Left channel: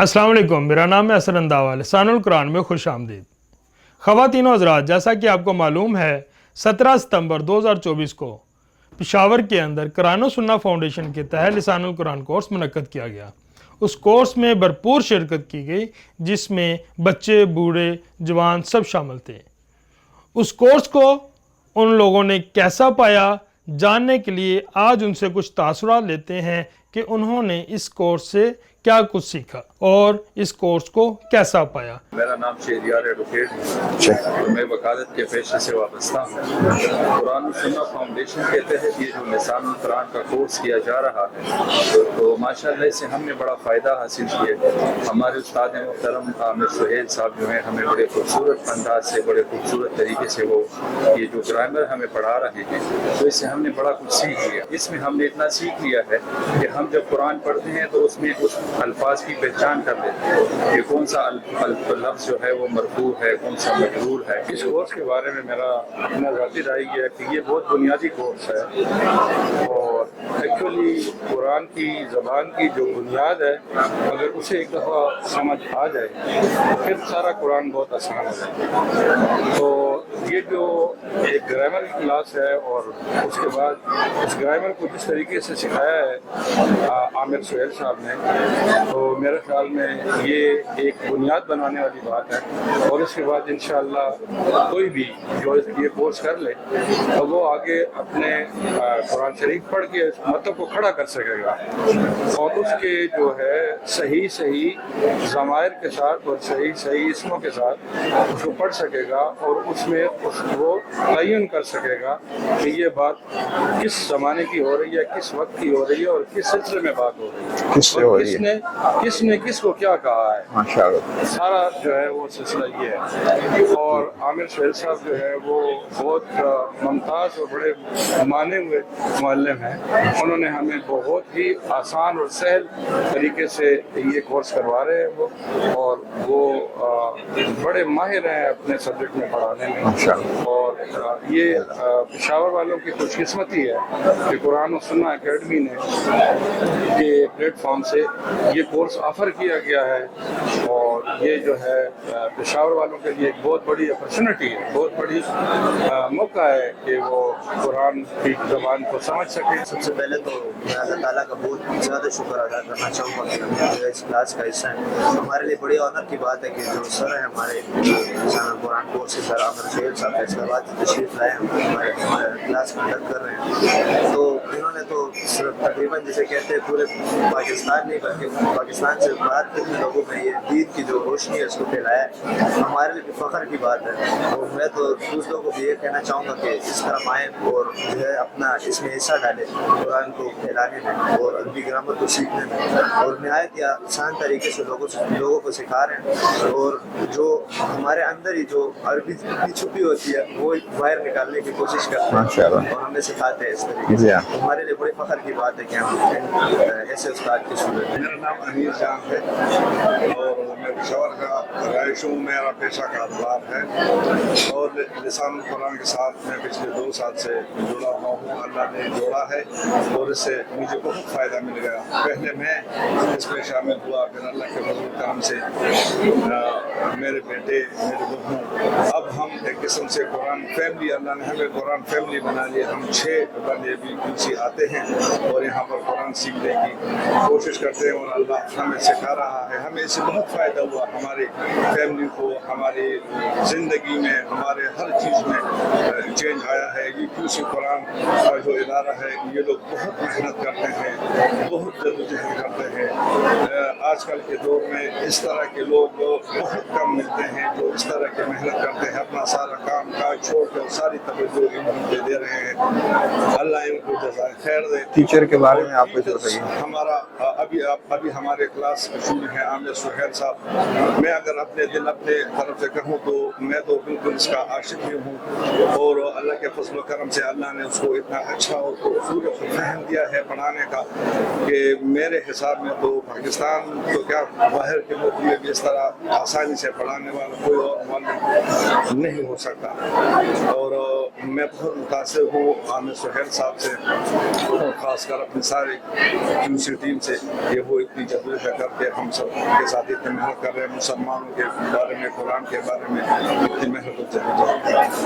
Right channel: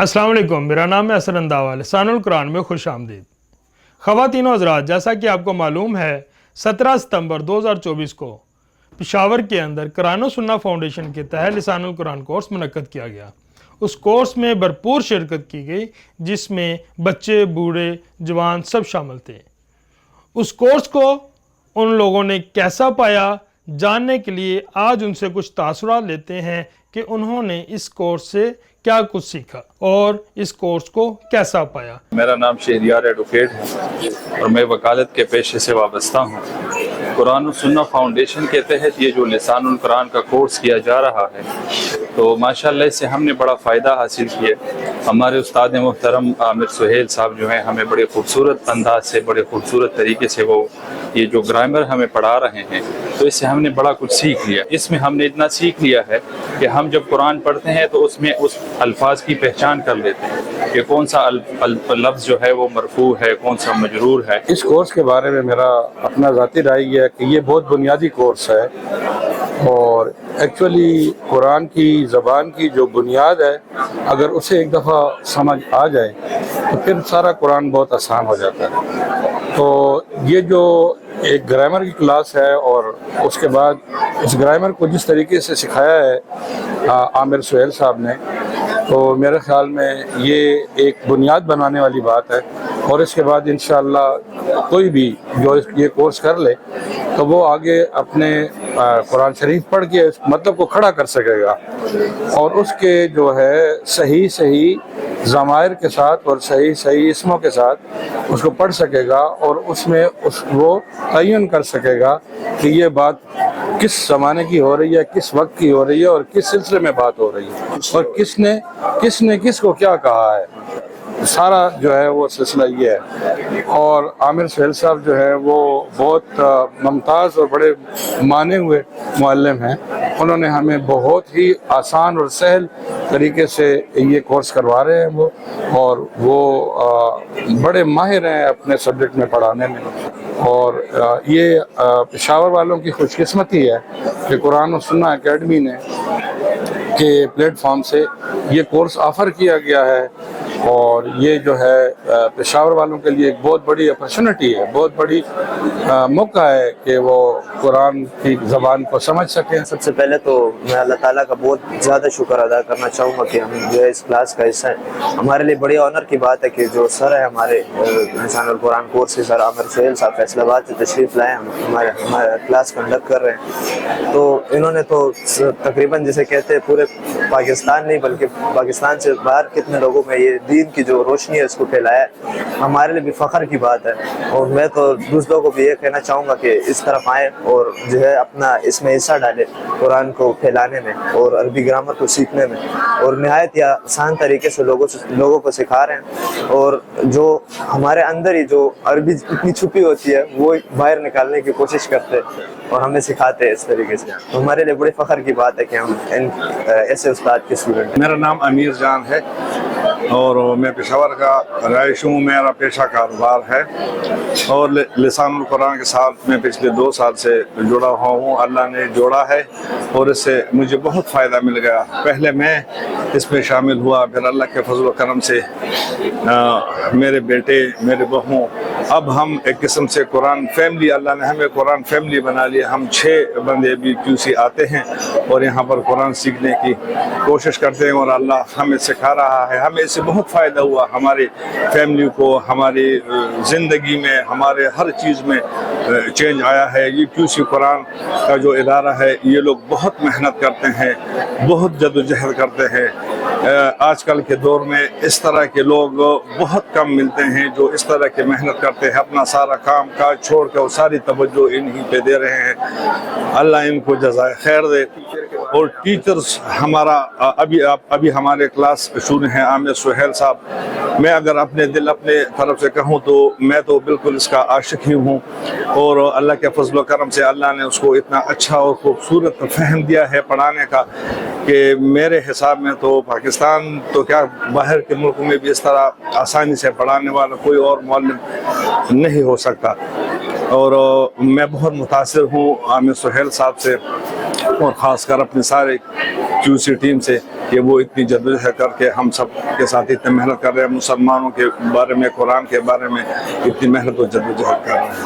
अस्सलाम वालेकुम, मेरा नाम है असर अंदावा। लिसानुल कुरान में खुश आमदीद। ख़वातीन व हज़रात, जैसा कि आपको मालूम है 17 सितंबर 2024 को पेशावर के अंदर कुरान व सुन्ना फाउंडेशन के तहत लिसानुल कुरान कोर्स मुनक्कद किया गया। उस कोर्स में भरपूर शिरकत की गई, जिसमें बच्चे, बूढ़े, जवान सब शामिल थे। उस कोर्स को उन लोगों ने कैसा पाया, जानने के लिए आज उनसे कुछ तासुरात लेते हैं कि उन्होंने इस कोर्स से क्या कुछ सीखा और इस कोर्स को कैसा पाया। मेरा नाम शहरियार एडवोकेट है और मैं वकालत के पेशे से वाबस्ता हूँ। कुरान और सुन्ना फाउंडेशन के तहत ये जो लिसानुल कुरान का कोर्स किया जा रहा है, तो माशाअल्लाह इससे हमने बड़ा फ़ायदा हासिल किया। हमारे उस्ताद मोहतरम आमिर सुहेल साहब जो हैं, हमें बड़े खूबसूरत अंदाज से, बड़े खूबसूरत तरीके से वो ये जो ग्रामर हमें पढ़ा रहे हैं, तो इससे हमने बड़ा कुछ सीख लिया। इसमें हमने इतना सीख लिया है कि हम जब कुरान पढ़ते हैं तो उसमें उस अल्फाज की पहचान कर लेते हैं कि कौन सा लफ्ज़ जो है वो मरफू है, कौन सा मजरूर है। इस कोर्स के बारे में मेरा अपना ज़ाती राय है कि ये बहुत बुनियादी कोर्स है और एक्चुअली कुरान की ज़बान की जो बुनियाद है, अगर उसे एक दफ़ा समझ आ जाए तो फिर सारा कुरान बहुत आसान हो जाता है। तो ये जो एक ग्रामर की क्लास है और उसके बाद उस ग्रामर को जिस तरीके से सिखाया है आमिर सुहेल साहब ने, तो मेरे ख्याल में ये एक बुनियाद बनाने वाली बात है। और इसके बाद इंशाअल्लाह कोई भी जो ये कोर्स कर ले तो वो आगे अपने कुरान शरीफ पढ़ के मतलब को खड़ा कर सकेगा और उसके जो है सही सही ज़मायर के साथ और सही सही इसमों के साथ उसको पढ़ सकेगा और उसमें वो तयन कर सकेगा कि ये बात किस ज़माने की हो रही है, किस वक्त की हो रही है और किस सिलसिले में बात हो रही है और किसने किसको क्या कहा है। माशाअल्लाह सारा जो है वो सिलसिला ये है। और आमिर सुहेल साहब जो है वो बहुत मुमताज़ और बड़े माने हुए मुअल्लिम हैं। उन्होंने हमें बहुत ही आसान और सहल तरीके से ये कोर्स करवा रहे हैं वो, और वो बड़े माहिर हैं अपने सब्जेक्ट में पढ़ाने में। और ये पेशावर वालों की खुशकिस्मती है कि कुरान और सुन्ना एकेडमी ने के प्लेटफॉर्म से ये कोर्स ऑफ़र किया गया है और ये जो है पेशावर वालों के लिए एक बहुत बड़ी अपॉर्चुनिटी है, बहुत बड़ी मौका है कि वो कुरान की ज़बान को समझ सकें। सबसे पहले तो मैं अल्लाह ताला का बहुत ज़्यादा शुक्र अदा करना चाहूँगा कि हम जो है इस क्लास का हिस्सा है। हमारे लिए बड़ी ऑनर की बात है कि जो सर है हमारे लिसानुल कुरान कोर्स के सर आमिर सुहेल साहब फैसलाबाद से तशरीफ़ लाए, हमारे क्लास कंडक्ट कर रहे हैं। तो इन्होंने तो तकरीबन जैसे कहते हैं पूरे पाकिस्तान नहीं बल्कि पाकिस्तान से बाहर कितने लोगों में ये दीन की जो रोशनी है इसको फैलाया है। हमारे लिए भी फ़ख्र की बात है और मैं तो दूसरों को भी ये कहना चाहूँगा कि इस तरफ आएँ और जो है अपना इसमें हिस्सा डालें कुरान को फैलाने में और अरबी ग्रामर को सीखने में, और निहायत ही आसान तरीके से लोगों को सिखा रहे हैं। और जो हमारे अंदर ही जो अरबी इतनी छुपी होती है वो बाहर निकालने की कोशिश करते हैं और हमें सिखाते हैं इस तरीके से। हमारे लिए बड़ी फ़ख्र की बात है कि हम ऐसे उस्ताद के स्टूडेंट। मेरा नाम अमीर जान है और मैं पेशावर का रईस हूँ। मेरा पेशा कारोबार है और लिसानुल कुरान के साथ मैं पिछले 2 साल से जुड़ा हुआ हूँ। अल्लाह ने जोड़ा है और इससे मुझे बहुत फ़ायदा मिल गया। पहले मैं इसमें शामिल हुआ, फिर अल्लाह के फजल व करम से मेरे बेटे, मेरे बहू, अब हम एक किस्म से कुरान फैमिली, अल्लाह ने हमें कुरान फैमिली बना लिया। हम 6 बंदे भी QC आते हैं और यहाँ पर कुरान सीखने की कोशिश करते हैं और अल्लाह हमें सिखा रहा है। हमें इससे बहुत फ़ायदा हुआ, हमारी फैमिली को, हमारी ज़िंदगी में, हमारे हर चीज़ में चेंज आया है। ये QC कुरान का जो इदारा है, ये लोग बहुत मेहनत करते हैं, बहुत जद्दोजहद करते हैं। आजकल के दौर में इस तरह के लोग बहुत कम मिलते हैं जो इस तरह की मेहनत करते हैं, अपना सारा काम काज छोड़ कर सारी तवज्जो इन्हीं पे दे रहे हैं। अल्लाह इनको जज़ाए खैर दे। टीचर के बारे में, और टीचर्स हमारा अभी हमारे क्लास शुरू हैं आमिर सुहेल साहब। मैं अगर अपने दिल अपने तरफ से कहूँ तो मैं तो बिल्कुल इसका आशिक ही हूँ और अल्लाह के फजल व करम से अल्लाह ने उसको इतना अच्छा और खूबसूरत फहम दिया है पढ़ाने का कि मेरे हिसाब में तो पाकिस्तान तो क्या बाहर के मुल्क में भी इस तरह आसानी से पढ़ाने वाला कोई और मौलवी नहीं हो सकता। और मैं बहुत मुतासिर हूँ आमिर सुहेल साहब से और ख़ासकर अपने सारे QC टीम से کہ وہ اتنی جدوجہد کر کے ہم سب کے ساتھ اتنی محنت کر رہے ہیں، مسلمانوں کے بارے میں، قرآن کے بارے میں اتنی محنت و جدوجہد کر رہے ہیں.